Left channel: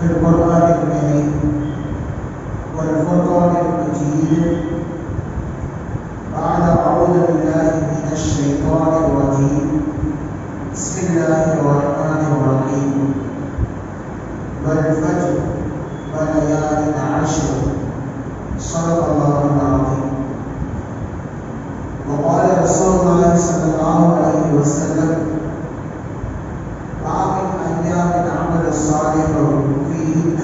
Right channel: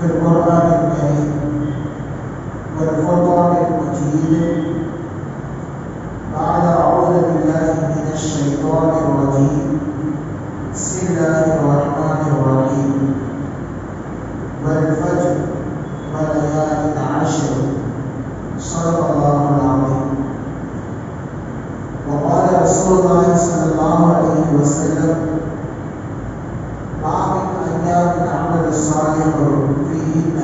في القرآن الكريم والفرقان المجيد بعد أعوذ بالله من الشيطان الرجيم بسم الله الرحمن الرحيم والفجر وليال عشر صدق الله العظيم. وقال رسول الله صلى الله عليه وسلم ما من أيام العمل الصالح فيهن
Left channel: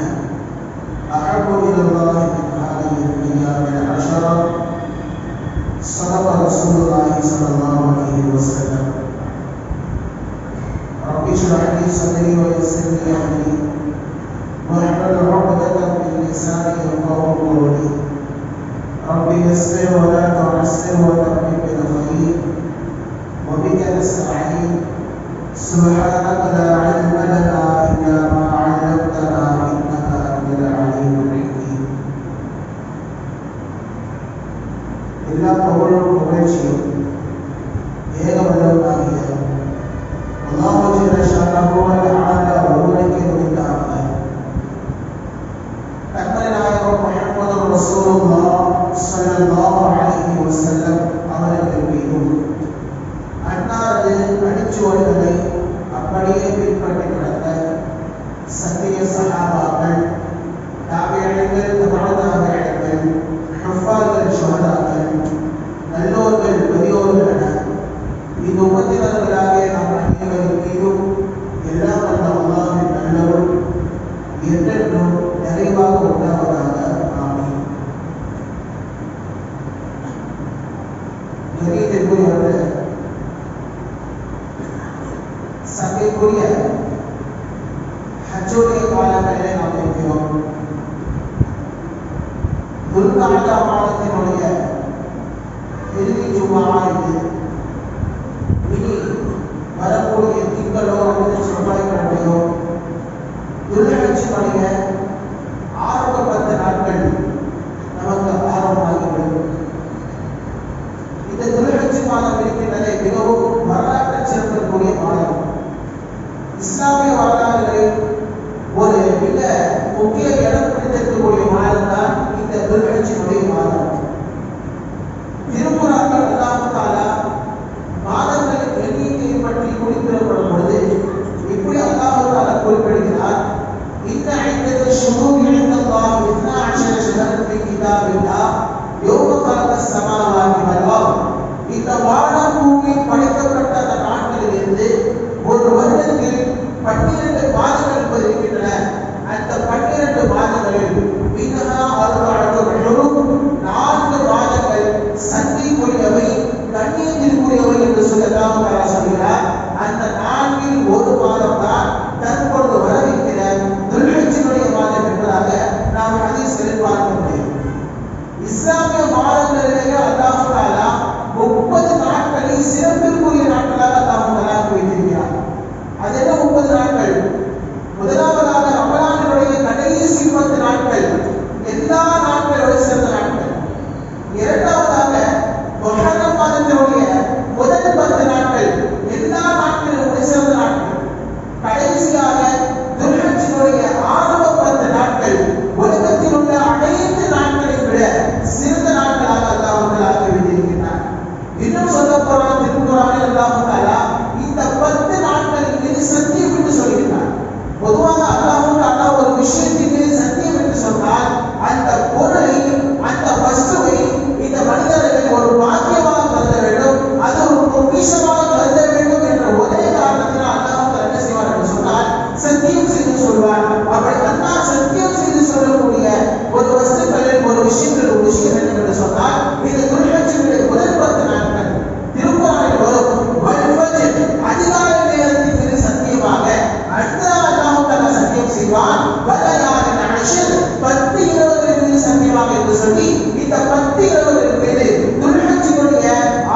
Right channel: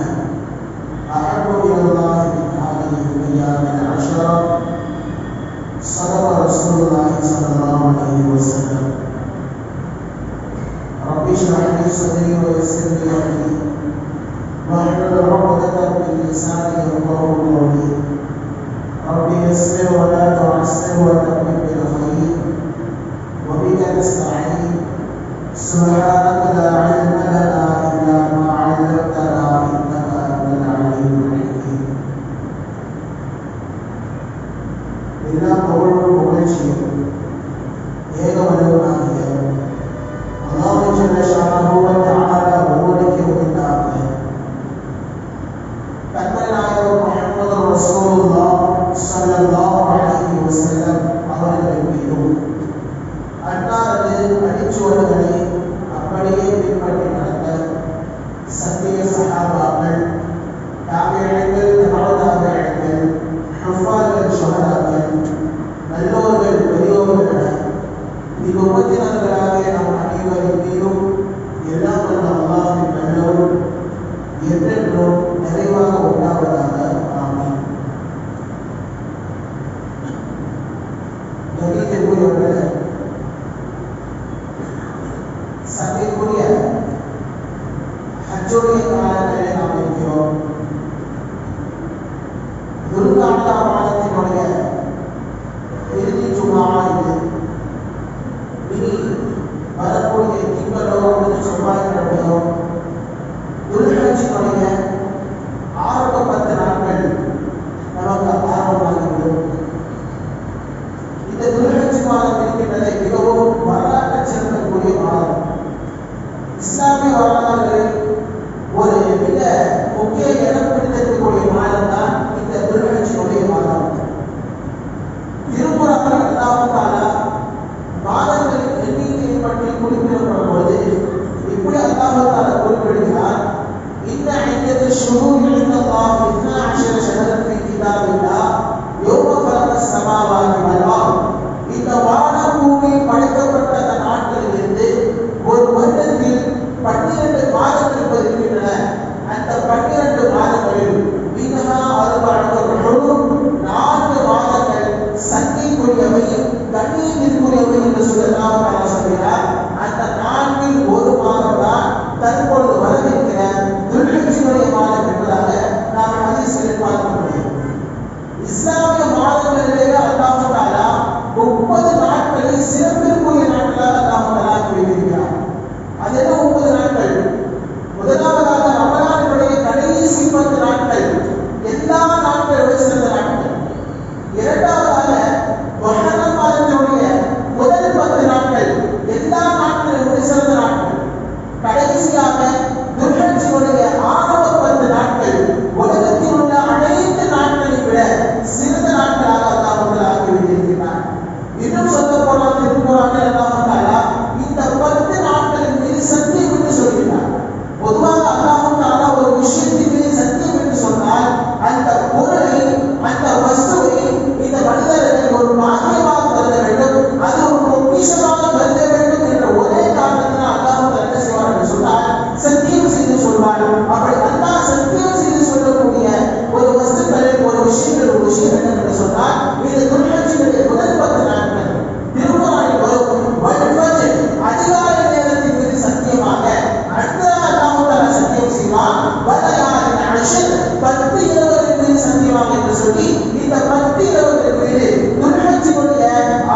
أحب إلى الله من هذه الأيام العشرة صدق رسول الله صلى الله عليه وسلم. رب اشرح لي صدري ويسر لي أمري واحلل عقدة من لساني يفقهوا قولي. رب يسر ولا تعسر وتمم بالخير وبك نستعين سبحانك لا علم لنا إلا ما علمتنا إنك أنت العليم الحكيم. எல்லா புகழும் புகழ்ச்சியும் ஏகவல்லவனாகிய அல்லாஹ் ஜல்ல ஷானஹு வ தஆலா ஒருவனுக்கே உரித்தாகிய கண்மணி நாயகம் முஹம்மது ரசூலுல்லாஹ் ஸல்லல்லாஹு அலைஹி வஸல்லம் அவர்கள் மீதும் அன்னாரது அடிச்சுவடுகளை அப்படியே பின்பற்றி நடந்த சத்திய சஹாபாக்கள், தாபிஈன்கள், தபஉ தாபிஈன்கள், ஹுஃபார்கள், ஷுஹதாக்கள், நல்லோர்கள், பெரியோர்கள் என உம்மத்தினர்களாகிய நம் அனைவரின் மீதும் எல்லாம் வல்ல அல்லாஹ்வின் நல்லோர் என்றென்றும் நிறைவாக உண்டாவதாக. ஆமீன். கண்ணியத்திற்குரியவர்களே, சங்கைக்குரிய ஹஜ்ஜுடைய காலங்களிலே நாம் இருக்கிறோம். துல்காஅதா மாதத்தினுடைய இறுதி ஜும்ஆ இது. இனி வரக்கூடிய திங்களோ அல்லது செவ்வாய்க்கிழமையோ துல்ஹஜ்ஜினுடைய ஆரம்ப 10 நாட்கள் நமக்கு ஆரம்பமாகிவிடும். இந்த துல்ஹஜ் மாதம் இருக்கின்றதை மிகவும் வரலாற்று சிறப்புக்குரிய மாதம். இஸ்லாமிய வரலாறுகளில் ஒரு மிக முக்கிய இடம் பிடித்திருக்கக்கூடிய மாதம் தான் இந்த துல்ஹஜ்ஜினுடைய மாதம். திருக்குர்ஆனில் அல்லாஹ் தஆலா மாதங்களின் எண்ணிக்கையை பற்றி குறிப்பிடப்படும் பொழுது இப்படி அல்லாஹ் தஆலா குறிப்பிடுகிறார், இன்ன இத்தத ஷுஹூர் இன்தல்லாஹ் 12 ஷஹரன் ஃபீ கிதாபில்லாஹ் யௌம கலகஸ் ஸமாவாதி வல் அர்த். இந்த வானம் பூமி படைக்கப்பட்ட அந்த நாட்களிலிருந்து ஒரு வருடத்தில் 12 மாதங்கள் இருக்கின்றன. அந்த 12 மாதங்களில் மின்ஹா அர்பஅத்துன் ஹுரும், 4 மாதங்கள் சங்கைக்குரியவை, கண்ணியத்திற்குரியவை என்று சொல்லலாம் தஆலா சொல்கிறார். அந்த 4இல் ஒரு மாதம் தான் தற்பொழுது வரவிருக்கிற துல்ஹஜ்ஜினுடைய மாதம் என்பதாக நாம் ஹதீஸ்களில் பார்க்க முடியும். இஸ்லாமிய மாதங்களிலேயே அல்லாஹ் தஆலா 30 நாட்களை சிறப்பிற்குரிய நாட்களாக அல்லாஹ் தஆலா வைத்திருக்கிறார். அது என்ன 30 நாட்கள்? முதலாவதாக ரமலானுடைய கடைசி 10 நாட்கள் எல்லா நாட்களோட சிறந்த நாட்கள். இரண்டாவதாக முஹர்ரம் மாதத்தினுடைய முதல் 10 நாட்கள் எல்லா நாட்களோட சிறந்த நாட்கள். கடைசியாக துல்ஹஜ்ஜினுடைய ஆரம்ப 10 நாட்கள் உலகத்தில் உள்ள அனைத்து நாட்களை விட சிறந்த நாட்களாக அல்லாஹ் தஆலா வைத்திருக்கிறார். இன்னும் சொல்ல போனால் திருக்குர்ஆனில் அல்லாஹ் தஆலா இந்த 10 நாட்களின் மீது சத்தியம் என்று சொல்கிறார். பொதுவாக அல்லாஹ் தஆலா ஒரு விஷயத்தின் மீது சத்தியம் என்று சொன்னால் அந்த பொருளை, அந்த வஸ்துவை இந்த மனிதர்கள் ஒரு பாக்கியமாக கருத வேண்டும், அது ஒரு பொக்கிஷமாக கருத வேண்டும் என்ற ஒரே காரணத்தினால் அல்லாஹ் தஆலா என்ன செய்வார் என்று சொன்னால் சத்தியம் செய்து சொல்வார். அப்படி அல்லாஹ் சத்தியம் செய்து சொல்லக்கூடிய ஒரு வஸ்துக்களில் ஒரு விஷயங்கள் ஒரு விஷயம் என்ன என்று சொன்னால் இந்த துல்ஹஜ்ஜினுடைய முதல் 10 நாட்கள் திருக்குர்ஆனில் வரும் வல் ஃபஜ்ர், அதிகாலை நேரத்தின் மீது சத்தியமாக. அடுத்ததாக அல்லாஹ் தஆலா சத்தியம் செய்வான் வலயாலின் அஷ்ர், 10 இரவுகளின் மீது சத்தியமாக என்று சொல்லி இந்த 10 இரவுகளின் மீது துல்ஹஜ்ஜினுடைய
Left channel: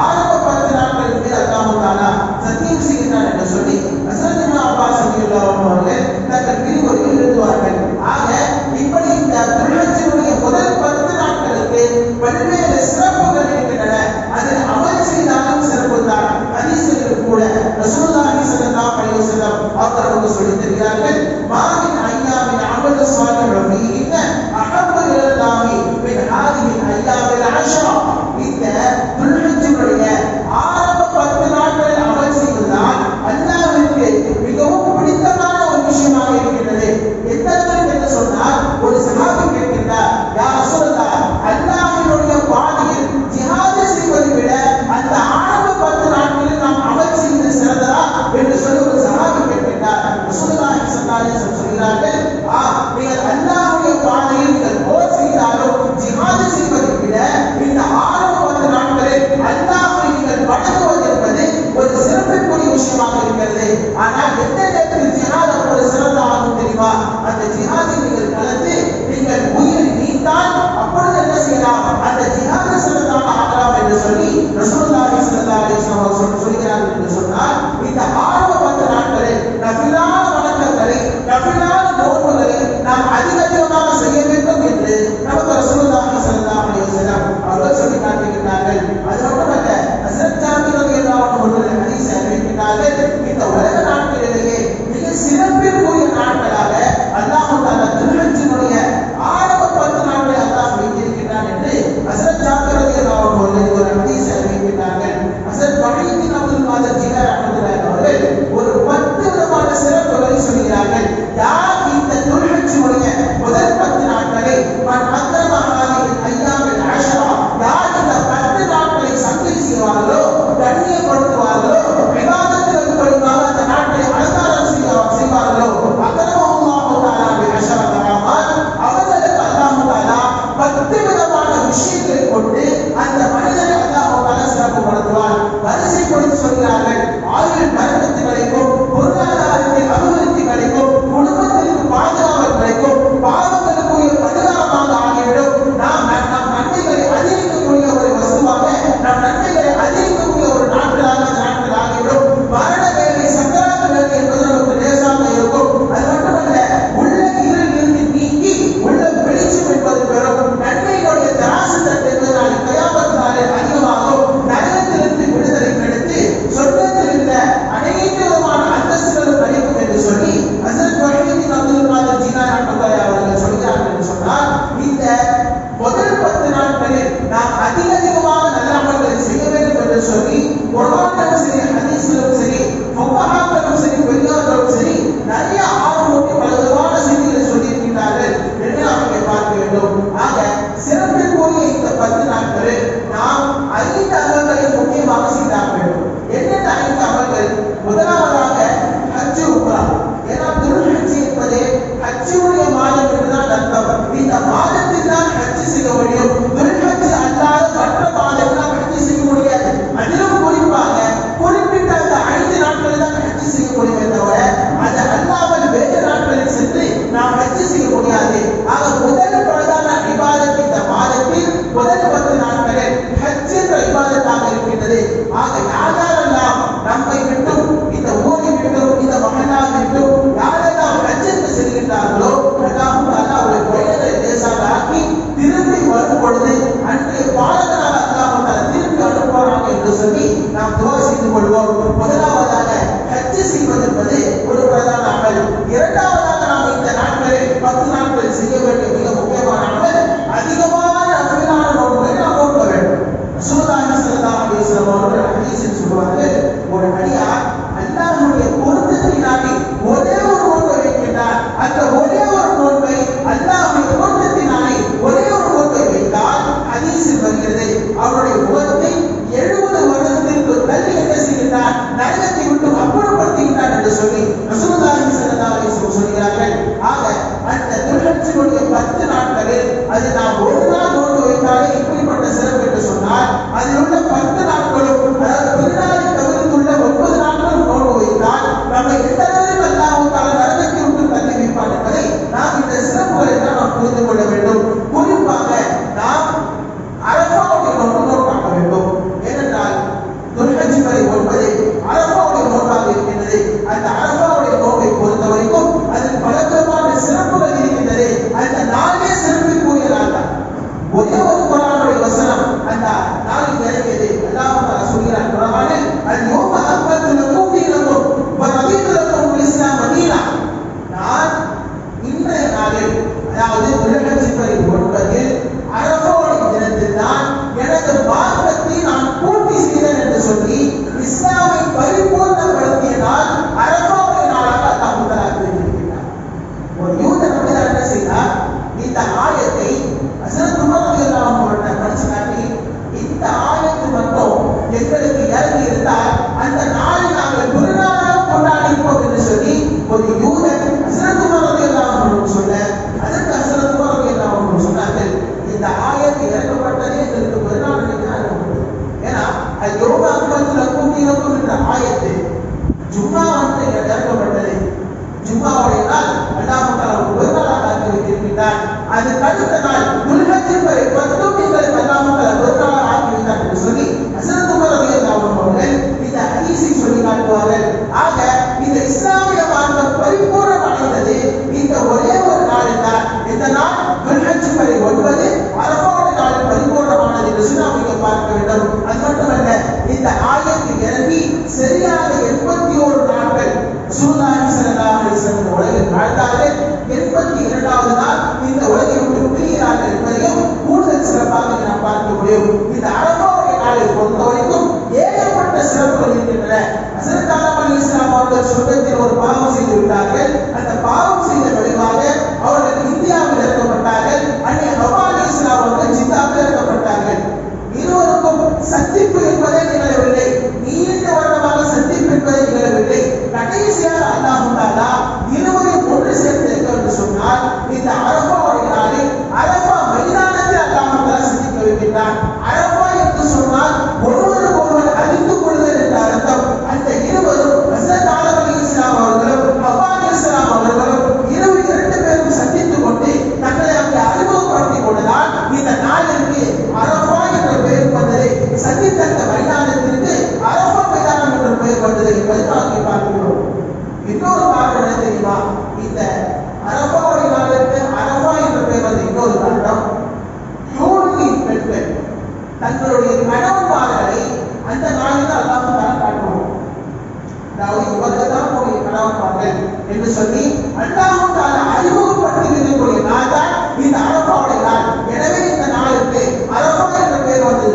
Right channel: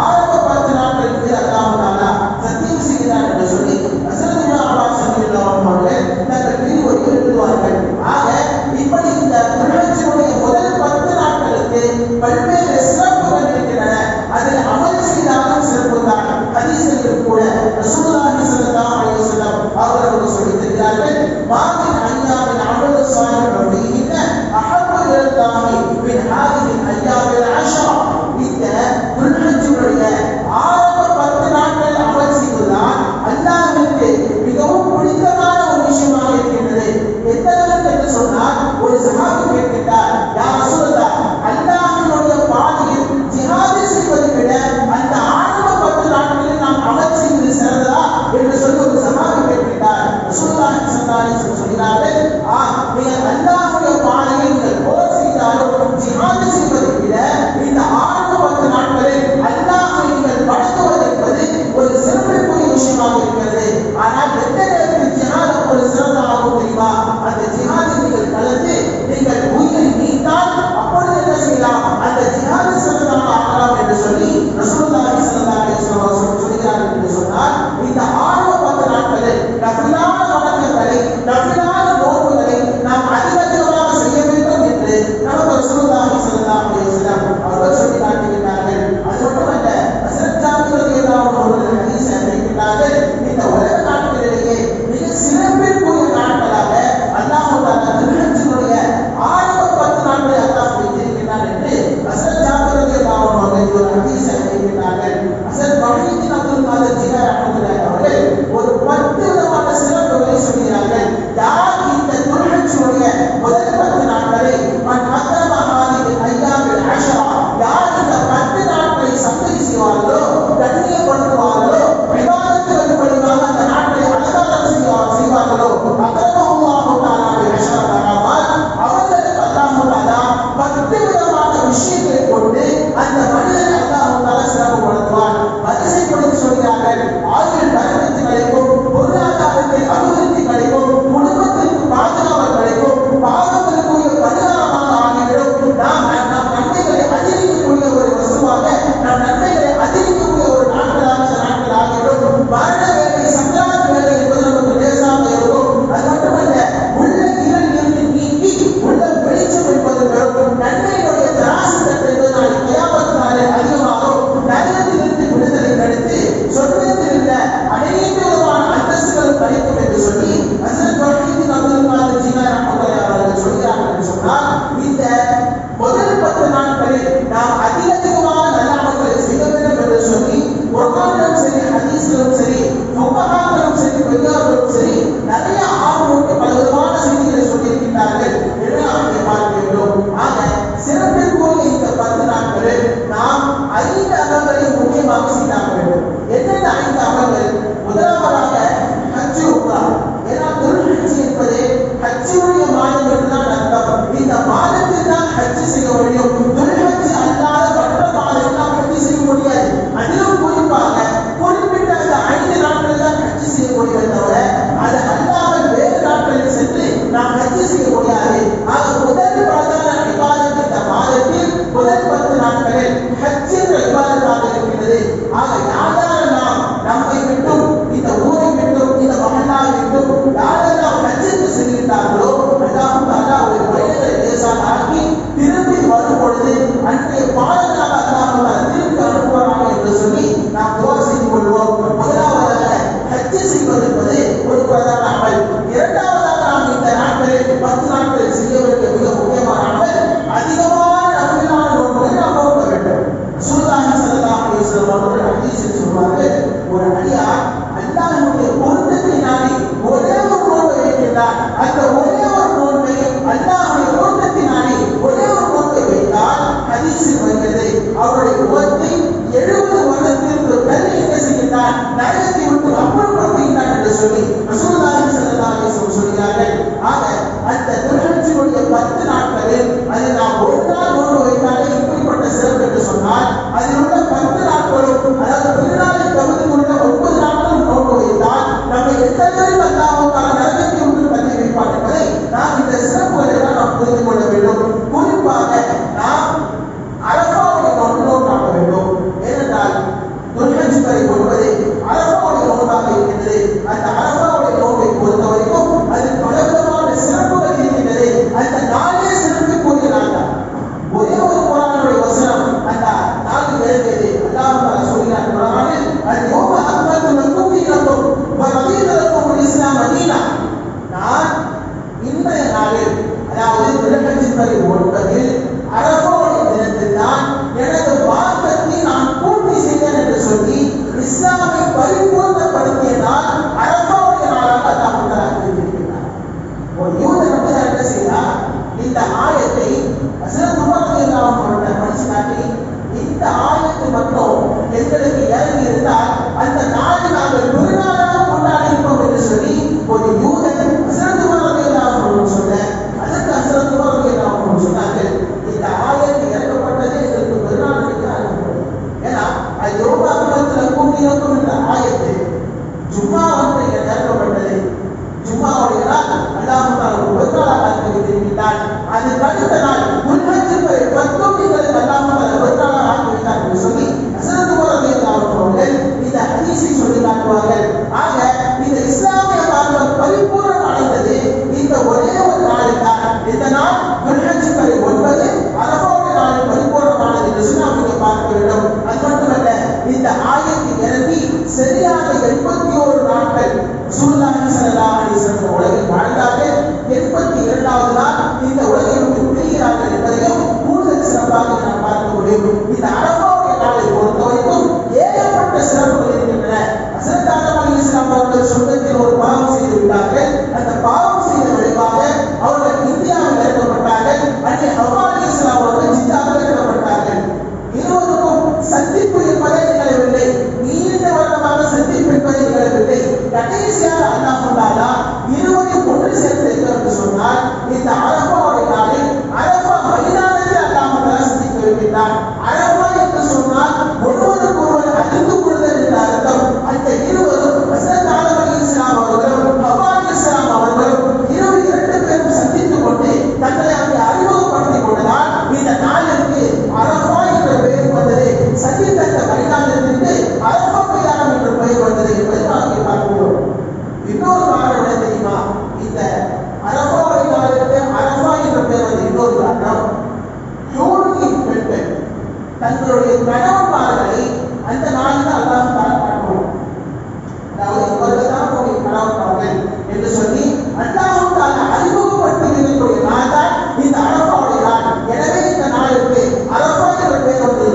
ஆரம்ப 10 நாட்களின் மீது அல்லாஹ் தஆலா சத்தியம் செய்கிறான் என்று சொல்லி ஹஸரத் இப்னு அப்பாஸ் ரலியல்லாஹு அன்ஹு அவர்கள் தங்கள் விரிவுரையில் எழுதுவார்கள். ஆக இப்படி இந்த துல்ஹஜ்ஜினுடைய முதல் 10 நாட்களுக்கு பல்வேறு சிறப்புகள் இருக்கின்றன. அதில் அமல் செய்தாலும் சிறப்பு தான். ஹதீஸ்களில் கூட ரசூலுல்லாஹி ஸல்லல்லாஹு அலைஹி வஸல்லம் அவர்கள் சொல்லித் தருகிறார்கள், மாமின் ஐயாமின் அமல் அதிகமான நல்ல அமல்களை செய்ய வேண்டும் என்று சொல்லி குர்ஆனிலும் சரி ஹதீஸிலும் சரி ஃபுகஹாக்களும் சரி பெரியார்களும் சரி நிறைய ஆர்வமூட்டி பலவிதமான செய்திகளை சொல்லியிருக்கிறார்கள் என்று நாம் பார்க்க வேண்டும். ஆக சிறப்பிற்குரிய இந்த 10 நாட்களில் நாம் 5 அமல்களை முக்கியமாக செய்தாக வேண்டும். என்னென்ன 5 அமல்கள்? முதலாவதாக ஹஜ் உம்ரா. ஏன்னா துல்ஹஜ் என்பது ஹஜ்ஜுடைய மாதம் என்றுதான் அர்த்தம். இந்த மாதத்தில் தான் ஹஜ் செய்ய முடியும். துல்ஹஜ் அல்லாத மற்ற மாதத்தில் நாம் ஹஜ் செய்ய முடியாது. அதிலும் குறிப்பாக குறிப்பிட்ட அந்த 5 நாட்களில் தான் ஹஜ் செய்ய முடியுமே தவிர அது அல்லாமல் வேறு நாட்களில் சென்று நாம் ஹஜ் செய்ய முடியாது. ஆக முதல் பிரதான இபாதத் இந்த மாதத்தில் முதல் 10 நாட்களில் ஹஜ் என்ற இபாதத்தாக இருக்கின்றது. ஆக யாரெல்லாம் நம்மை விட்டும் இந்த ஊரை விட்டும் இந்த மஹல்லாவை விட்டும் யாரெல்லாம் ஹஜ்ஜுக்கு செல்கின்றார்களோ அல்லாஹ் தஆலா ஒரு வயதை லேசாக ஆக்கி திரும்பி வரும் பொழுது அன்றைய பாடங்களாக அல்லாஹ் தஆலா திரும்பி அனுப்புவாராக என்று சொல்லி நாம் துஆ செய்து கொள்வோம். முதலாவதாக ஹஜ் செய்வது என்பது ஒரு பிரதான அமல். இரண்டாவதாக நாம் இந்த நாட்களில் 10 நாட்களில் செய்ய வேண்டிய மிக முக்கியமான அமல் அதிகமான நன்மையான நோன்புகளை நாம் நோக்க வேண்டும். ரசூலுல்லாஹி ஸல்லல்லாஹு அலைஹி வஸல்லம் அவர்கள் ஹதீஸில் சொல்வார்கள், ஒரு அடியார் அல்லாஹ்வுடைய பொருத்தத்தை நாடி ஒரே ஒரு நோன்பை வைக்கின்றார். அந்த ஒரே ஒரு நோன்பை அல்லாஹ்வுடைய பொருத்தத்தை நாடி ஒரே ஒரு நோன்பை வைத்தால் ஹதீஸில் வருகிறது அவருடைய முகத்தை 70 வருடத்திற்கு தள்ளி என்ன செய்கின்றார்? நரகத்தை விட்டு அப்புறப்படுத்துகின்றார் என்று சொல்லி ரசூலுல்லாஹி ஸல்லல்லாஹு அலைஹி வஸல்லம் சொல்கிறார்கள். ஆக அந்த துல்ஹஜ்ஜுடைய 10 நாட்களில் அது நாம் ஒரு நாள் நோன்பு வைத்தாலே இப்படிப்பட்ட சிறப்பு என்று சொன்னால் அதில் உள்ள 10 நாட்களும் அதாவது பெருநாளை தவிர்த்துள்ள 9 நாட்களும் நோன்பு வைத்தால் நம்ம எந்த அளவுக்கு அல்லாஹ் தஆலா நரகத்தை விட்டு தள்ளி வைப்பார் என்பதை நாம் இந்த சிறப்புகளை எல்லாம் நாம் புரிந்து கொள்ள வேண்டும். குறிப்பாக நாம் அரஃபாவுடைய நோன்பு நோக்க வேண்டும். ஏனென்றால் துல்ஹஜ் வரை என்பது அரஃபாவுடைய நோன்பாக இருக்கின்றது. அந்த அரஃபாவுடைய நோன்பை பொறுத்த வரைக்கும் அதில் பலவிதமான சிறப்புகள் இருக்கின்றது. அந்த நாளே சிறப்பிற்குரிய நாள் தான். ஒரே ஒரு குர்ஆனுடைய வசனம் அந்த நாளில் இறங்கியது. அல்லாஹ் தஆலா சொல்கிறார் குர்ஆனில், அல்-யௌம அக்மல்து லக்கும் தீனக்கும் வ ரதீது லக்கும் அல்-இஸ்லாம தீனா. நான் இன்றைய நாளில் அதாவது துல்ஹஜ் வரை 9 அரஃபாவுடைய தினத்தில் தான் எனது மார்க்கத்தை நான் பூர்த்தி செய்தேன் என்று சொல்லி இஸ்லாமை பரிபூர்ணப்படுத்திய நாள் அரஃபாவுடைய நாளாக அல்லாஹ் தஆலா அறிவித்திருக்கிறார். ஒரு யூதன் என்ன செய்தார்? இந்த ஆயத்தை ஹஸரத் உமர் ரலியல்லாஹு அன்ஹு அவர்கள் படிச்சு காட்டி, இந்த ஆயத்து மட்டும் எங்களுக்கு இறங்கி இருந்தால் அந்த நாளை நாங்கள் பெருநாளாக கொண்டாடி இருப்போம் என்று சொல்லி ஒரு யூதன் ஹஸரத் உமர் ரலியல்லாஹு அன்ஹு சொன்ன அதற்கு ஹஸரத் உமர் ரலியல்லாஹு அன்ஹு சொன்னார்கள், இந்த ஆயத்து இறக்கப்பட்டதே எங்களுக்கு பெருநாள் அன்றைக்கு. ஏன்னா அல்-யௌம அக்மல்து லக்கும் தீனக்கும் என்ற ஆயத்து ஜும்மா அன்றைக்கு இறக்கப்பட்டது. ஜும்மாவுடைய நாள் அல்லாஹ் தஆலா பெருநாளாக ஆக்கி வைத்திருக்கிறார். அதுக்கு அடுத்த நாள் துல்ஹஜ் வரை 10 எங்களுக்கு அல்லாஹ் தஆலா பெருநாளாக ஆக்கி வைத்தார் என்று சொல்லி ஹஸரத் உமர் ரலியல்லாஹு அன்ஹு அவர்கள் இந்த ஹதீஸை சொல்லி காட்டுவார்கள். ஆக இந்த இஸ்லாமிய மார்க்கம் பரிபூரணம் அடைந்தது இந்த ஒரே ஒரு நாளில் தான். இந்த நாள் துல்ஹஜ் வரை 9 அரஃபாவுடைய நாளில் பரிபூரணமானது என்று சொல்லி நாம் இங்கே பார்க்க வேண்டும். அது மட்டுமல்ல, இந்த ஆயத்து இறங்கி சரியாக 81 நாட்கள் ரசூலுல்லாஹி ஸல்லல்லாஹு அலைஹி வஸல்லம் உலகில் வாழ்ந்தார்கள். 82வது நாள் இந்த உலகை விட்டு பிரிகிறார்கள் என்பதையும் கூடுதல் சிறப்பாக நாம் பார்க்க முடியும். இந்த அரஃபாவுடைய நாளை பொறுத்தவரைக்கும் ஏகப்பட்ட சிறப்புகள் இருக்கின்றன. ஹஸரத் ஆதம் அலைஹிஸ்ஸலாம் அவர்கள் சொர்க்கத்தில் ஒரு பாவம் செய்து விட்டார்கள். அந்த பாவம் செய்த விளைவாக அவர்கள் இந்தியாவில் இறக்கப்பட்டார்கள். அன்னை ஹவ்வா அலைஹிஸ்ஸலாம் அவர்கள் ஜித்தாவில் இறக்கப்பட்டார்கள். இருவருக்கும் சந்திப்பு என்பதே நிகழவில்லை. நீண்ட வருடமாக சந்திப்பு என்பதே நிகழவில்லை. கடைசியாக அல்லாஹ் தஆலா இருவரையும் ஒன்று சேர்த்திருக்க என்று சொன்னால் இந்த அரஃபாவுடைய நாளில் அரஃபா மைதானத்தில் அல்லாஹ் தஆலா சந்திக்க வைக்கின்றான். அரஃபா என்று சொன்னால் ஒருவருக்கு ஒருவர் அறிந்து கொள்ளுதல் என்ற அர்த்தம். அந்த இருவரும் ஹஸரத் ஆதம் அலைஹிஸ்ஸலாம் அவர்களும் ஹவ்வா அலைஹிஸ்ஸலாம் அவர்களும் இரண்டு பேரும் சந்தித்துக் கொண்டு தங்களை அங்கே அறிமுகப்படுத்திக் கொண்டதால் இந்த நாளிற்கு அரஃபா என்ற பெயர் வந்தது. சந்தித்த அந்த மைதானத்திற்கு அரஃபா மைதானம் என்ற பெயர் வந்தது என்பதை நாம் இங்கே பார்க்கிறோம். இன்னொரு காரணம் என்ன தெரியுமா? இந்த அரஃபாவுடைய நாளுக்கு அரஃபா என்ற பெயர் வந்து இன்னொரு காரணம், ஹூரின் பெண்கள் தங்களுடைய கணவன்மார்களை அந்த நாளில் அல்லாஹ் தஆலா காட்டுவான். அதாவது இவர்கள் தான் உங்களுடைய கணவன்மார்கள் என்று சொல்லி அல்லாஹ் தஆலா அறிமுகப்படுத்தி இருக்கக்கூடிய நாள் தான் இந்த அரஃபாவுடைய நாள். எனவே இந்த நாளுக்கு அரஃபா என்ற பெயர் வந்தது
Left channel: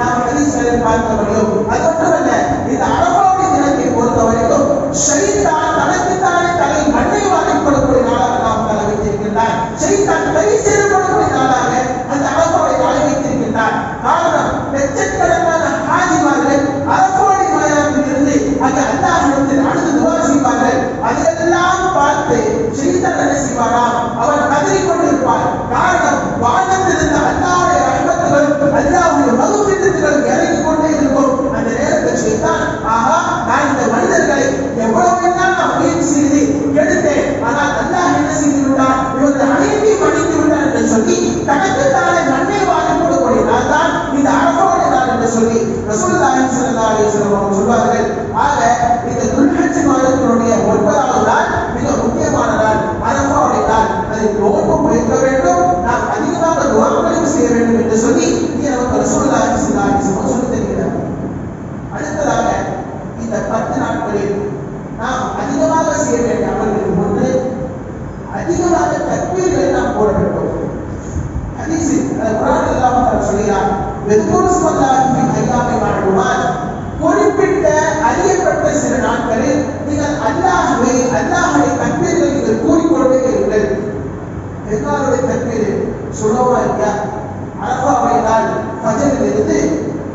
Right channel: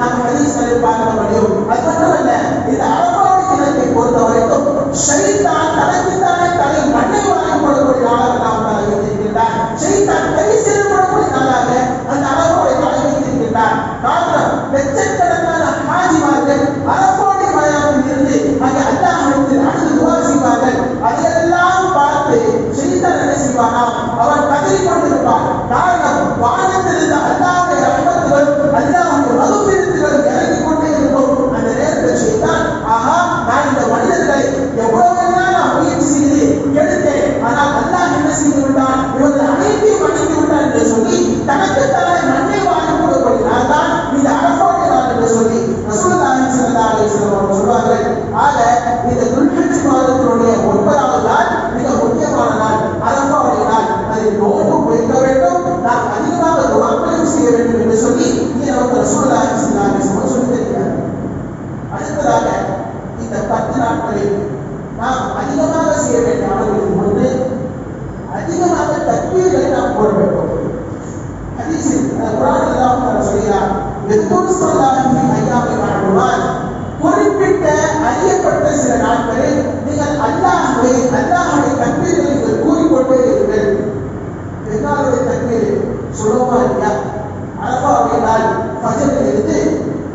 நாம் ஹதீஸ்களில் பார்க்க முடியும். அது மட்டுமல்ல, இந்த அரபாவுடைய தினத்தை பொறுத்த வரைக்கும் ஷைத்தான் தனக்குத்தானே தலை மண்ணை வாங்கிக் கொள்ளக்கூடிய நாளாக நாம் தலை வைத்திருக்கின்றான். ஷைத்தான் கை சேரப்படக்கூடிய நாளாக அந்த அரபாவுடைய நாளை வைத்திருக்கின்றான். காரணம், லட்சக்கணக்கான ஹாஜிமார்கள் அரபாவுடைய மயானத்தில் இருந்து அங்கு அல்லாஹ்விடத்தில் அடுத்து துஆ செய்வார்கள். அதையெல்லாம் பார்த்து ஷைத்தான் என்ன செய்வானாம், அவன் கதறிக் கொண்டிருப்பான். காரணம், வானத்திலிருந்து அல்லாஹ்வுடைய ரஹ்மத்துகளும் அல்லாஹ்வுடைய மகுஃபிரத்துகளும் இறங்கிக் கொண்டே இருக்கும். அந்த நேரத்தில் ஷைத்தான், ஆஹா, நான் இந்த மனிதர்களை எவ்வளவு நான் முயற்சி செய்து கெடுத்தேன், ஆனால் அல்லாஹ் என்ன செய்து விட்டான், இவர்கள் அனைத்தையும் அழித்து விட்டான் என்று சொல்லி தனக்கு தானே மண்ணை வாங்கிக் கொள்ளக்கூடிய நாள் தான் இந்த அரபாவுடைய நாள் என்று சொல்லி ரசூலுல்லாஹி ஸல்லல்லாஹு அலைஹி வஸல்லம் அவர்கள் சொல்வார்கள். ஆக இந்த துல்ஹஜ் மாதத்தினுடைய 9வது நாள் மிக முக்கியமான நாள், அரபாவுடைய நாள். அதில் நோன்பு வைக்க வேண்டும், நாம் அதிகமாக துஆக்களையும் செய்ய வேண்டும் என்று சொல்லி நமக்கு ரசூலுல்லாஹி ஸல்லல்லாஹு அலைஹி வஸல்லம் சொல்லித் தருகிறார். அடுத்ததாக இந்த 10 நாட்களில் நாம் அதிகமாக செய்ய வேண்டிய அமல்களில் ஒன்று, அதிகமாக தக்பீர்களை நாம் போட வேண்டும். ஹதீஸில் குர்ஆனில் அல்லாஹ் தஆலா சொல்கிறார், "வெதுகுரு ஸல்லல்லாஹு அலைஹி வஸல்லம் குறிப்பிட்ட அறியப்பட்ட சில நாட்களில் நீங்கள் அல்லாஹ்வுடைய தக்பீர்களை நீங்கள் கூறிக்கொண்டே இருங்கள்." பெருநாளுடைய தக்பீர் சுலோமா இல்லையா? அரபாவுடைய நாள் ஃபஜ்ரில் இருந்து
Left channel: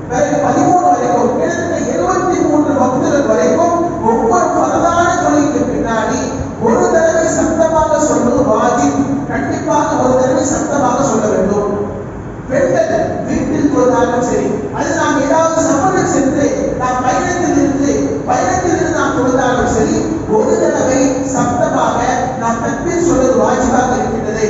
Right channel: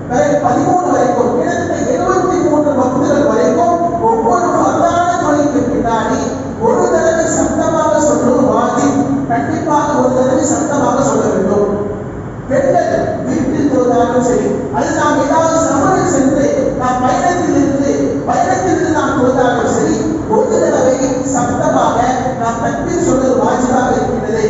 பிறகு 13 வரைக்கும் கிட்டத்தட்ட 73 வக்துகள் வரைக்கும் ஒவ்வொரு ஃபர்தான தொழுகைக்கு பின்னாடி ஒரு தடவை சத்தமாக சொல்வது வாஜிப். கண்டிப்பாக ஒரு தடவை சத்தமாக சொல்ல வேண்டும். பெண்கள் வீட்டில் தொழுதாலும் சரி, அது நாம் ஏதாவது சமரில் சென்று நாம் பயணத்திலிருந்து நாம் தொழுதாலும் சரி, ஒரு தடவை சத்தமாக நாம் தக்பீர் சொல்வது வாஜிபாக இருக்கின்றது.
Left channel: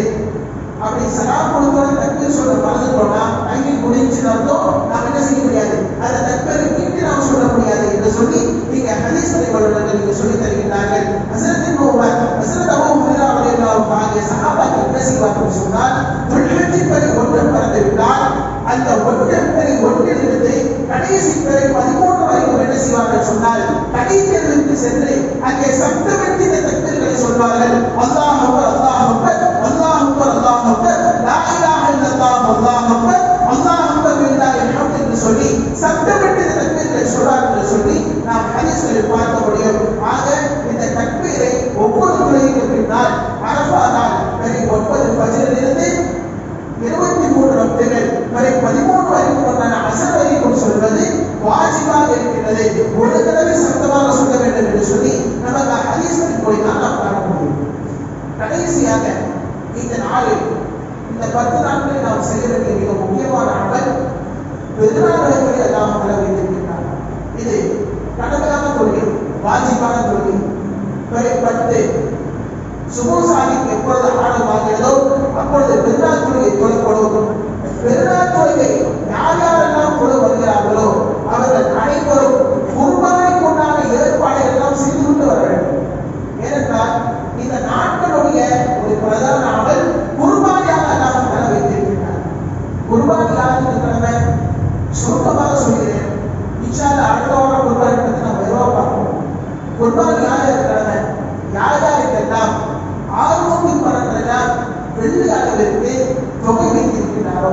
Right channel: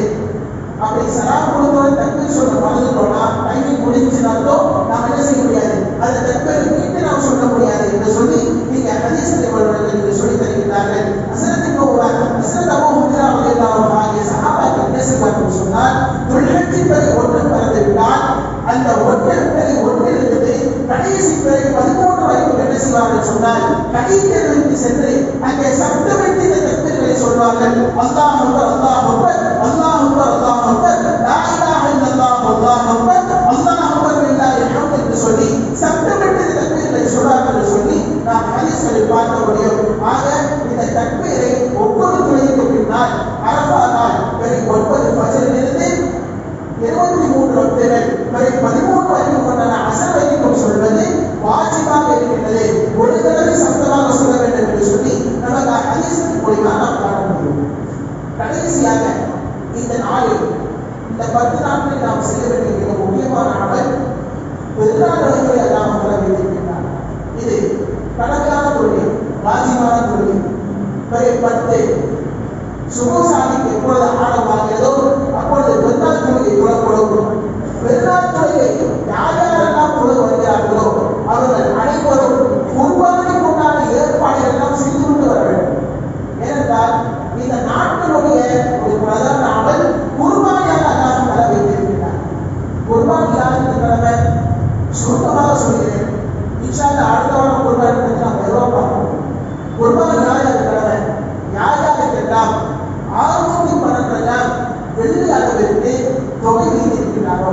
அப்படி சலாம் கொடுத்தோட தக்பீர் சொல்ல மறந்துட்டோம்னா டைமிங் முடிஞ்சுன்னு அர்த்தம், நாம் என்ன செய்ய முடியாது, அந்த தக்பீரை மீட்டு நாம் சொல்ல முடியாது என்று சொல்லி நீங்க ஹதீஸ் வல்லுநர்கள் நீங்க சொல்லி தருகிறார்கள். ஹஸரத் இப்னு உமர், ஹஸரத் அபூ ஹுரைரா ரலியல்லாஹு அன்ஹு சஹாபாக்கள் என்ன செய்வார்கள் சொன்னால், துல்ஹஜ் பிறை 1 பிறந்து விட்டால் அந்த 1 பிறை 1லிருந்து கடைசி பிறை 13 வரைக்கும் என்ன செய்வார்கள் சொன்னால், கடைத்தெருவுக்கு சென்று அங்கே சப்தமிட்டு இந்த தக்பீர்களை சொல்வார்கள். அல்லாஹ் அக்பர், அல்லாஹ் அக்பர், அல்லாஹ் அக்பர், அல்லாஹ் அக்பர், லா இலாஹ இல்லல்லாஹ், அல்லாஹ் அக்பர், அல்லாஹ் அக்பர் பில்லாஹில் ஹம்த் என்று சொல்லி சப்தமிட்டு இந்த தக்பீர்களை சொல்வார்கள் என்று சொல்லி நாம் ஹதீஸ்களில் பார்க்க முடியும். ஆக இந்த தக்பீரை ஒவ்வொரு தொழுகைக்கு பின்னால் அரஃபா நாள் பிறை 9 ஃபஜ்ரிலிருந்து 23 வக்துகள் பிறை 13 வரைக்கும் கொண்டான அஸர் வரைக்கும் சொல்வது வாஜிபாக இருக்கின்றது. ஒரு தடவை சத்தமாக சொல்ல வேண்டும் என்று சொல்லி நமக்கு ஹதீஸ்களின் மூலமா நாம் காண முடியும். கடைசியாக இந்த நாளில் இந்த 10 நாட்களில் நாம் செய்ய வேண்டிய மிக முக்கியமான அமல் பெருநாள் வழிமுறை அல்லாஹ் வைத்திருக்கிறார். இது கடமையான தொழுகை, வாஜிபான தொழுகை. பிறை 10 சுபஹானிக்கு எப்பொழுது ஆரம்பமாகிறதோ அப்பொழுது பெருநாள் தொழுகை தொழப்படும். பெருநாள் தொழுகை யார் யாரெல்லாம் தொழ வருகிறார்களோ அவர்கள் அனைவரும் குர்பானிக்கு உண்டான ஏற்பாடுகள் எல்லாம் செய்துவிட்டு வர வேண்டும். ஏனென்றால் இந்த நாட்களுடைய ஒரு பிரதான அமல் குர்பானியாக அல்லாஹ் தர வைத்திருக்கிறார். குர்பானி யாருக்கு கடமை? சுருக்கமாக சொல்கிறேன். இன்ஷா அல்லாஹ் அடுத்த வாரம் குர்பானி பற்றி நாம் விரிவாக பார்ப்போம். குர்பானி யாருக்கு கடமை? யார் யாருக்கெல்லாம் 612 வெள்ளி அளவிற்கு தொகை வைத்திருக்கிறாரோ,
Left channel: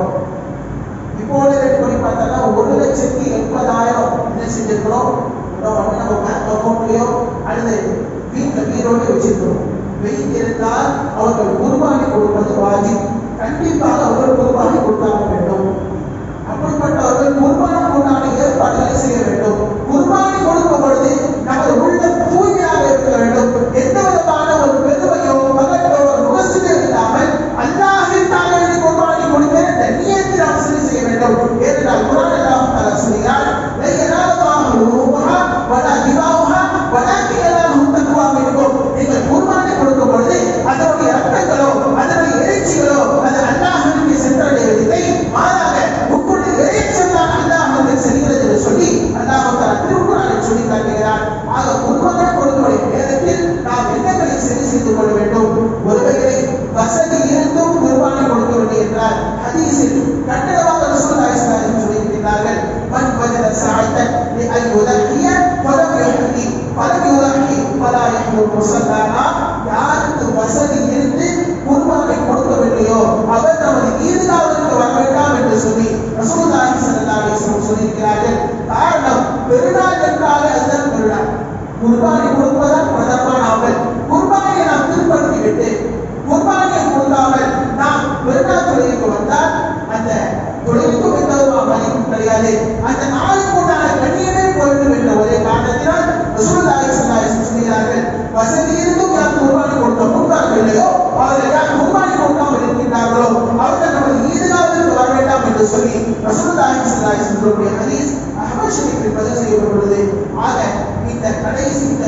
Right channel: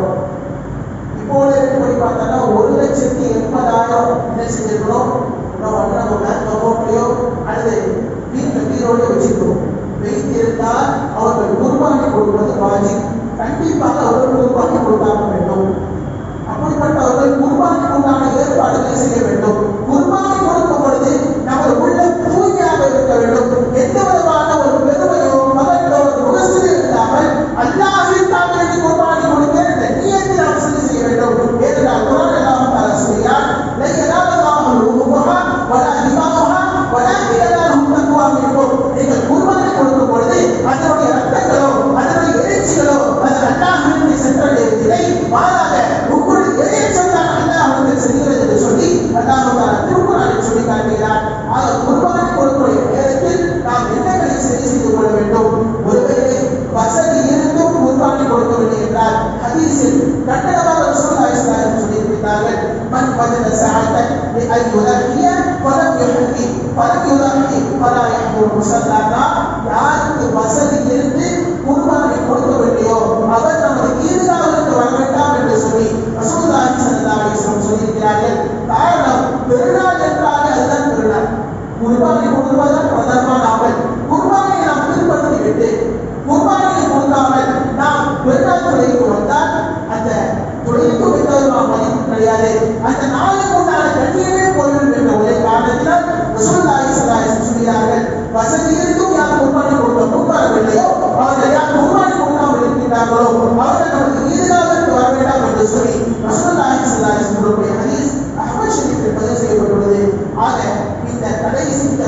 இப்போது ரேட் பண்ணி பார்த்தா 1,80,000 என்ன செஞ்சிருக்கிறோம், நம்ம பேங்க் அக்கௌண்ட்லயோ அல்லது வீட்டில் வீரோடு வச்சிருக்கிறோம். வைத்திருந்தால் அவர்கள் குர்பானி கொடுப்பது வாஜிப். கண்டிப்பாக அவர்கள் குர்பானி கொடுத்தாக வேண்டும். அப்படிப்பட்டவர்கள் குர்பானி உண்டான ஏற்பாடுகளை செய்ய வேண்டும். குர்பானி கொடுக்கும் பொழுது நமது உள்ள தூய்மையாக இருக்க வேண்டும். எந்த விதமான ஒரு பெருமையோ மகனோ ஒரு முகஸ்துதியோ இல்லாமல் அல்லாஹ்விற்காக வேண்டி குர்பானி கொடுக்க இந்த நியத்தை நாம் செய்ய வேண்டும். ஏனென்றால் குர்ஆன் அல்லாஹ் தஆலா சொல்கிறார், "லா யனாலுல்லாஹு லுஹூமுஹா வலா திமாஉஹா வலாக்கின் யனாலுஹு தக்வா மின்கும்." நீங்கள் குர்பானி கொடுக்கும் பொழுது அதனுடைய ரத்தங்களோ அதனுடைய இறைச்சிகளோ அது அல்லாஹ்விற்கு சென்றடைவதில்லை, மாறாக உங்களுடைய இறைச்சல் தான் அல்லாஹ்விற்கு செல்கிறது என்று சொல்லி அல்லாஹ் தஆலா திருக்குர்ஆனில் சொல்லி காட்டுகிறார். ஆக குர்பானி கொடுக்கக்கூடிய நேரத்தில் நாம் என்னங்களை சரி செய்து கொள்ள வேண்டும்? ஒருவேளை வசதி இருந்தும் குர்பானி கொடுக்கவில்லை என்றால் ஹதீஸில் கட்டணமாக ரசூலுல்லாஹி ஸல்லல்லாஹு அலைஹி வஸல்லம் சொல்லியிருக்கிறார்கள், "மன் வஜத சஅத்தன் லிஅன் யுதஹிய ஃபலம் யுஹ்தி ஃபலம் யுதஹி ஃபலா யஹ்து முஸல்லானா." யாருக்கு வசதி இருந்து குர்பானை கொடுக்கவில்லையோ அவர் நமது ஈத்காஹ்விற்கு வர வேண்டாம் என்று சொல்லி ரசூலுல்லாஹி ஸல்லல்லாஹு அலைஹி வஸல்லம் கிடையாது. அந்த நாளுக்கு உண்டான கண்ணியமே போய்விடும் என்ற ஒரே காரணத்தினால் ரசூலுல்லாஹி ஸல்லல்லாஹு அலைஹி வஸல்லம் சொல்கிறார்கள், வசதி இருந்தும் யார் குர்பானி கொடுத்தார்கள் இல்லையோ அவர்கள் யார் குர்பானி கொடுக்காமல் இருக்கின்றார்களோ அவர்கள் நமது ஈதுகாவிற்கு வர வேண்டாம் என்று சொல்லி ரசூலுல்லாஹி ஸல்லல்லாஹு அலைஹி வஸல்லம் ஹதீஸ் அஹ்மத் ஷரீஃபில் பதிவு செய்யப்பட்டுள்ளது. ஆக இந்த கடைசி இந்த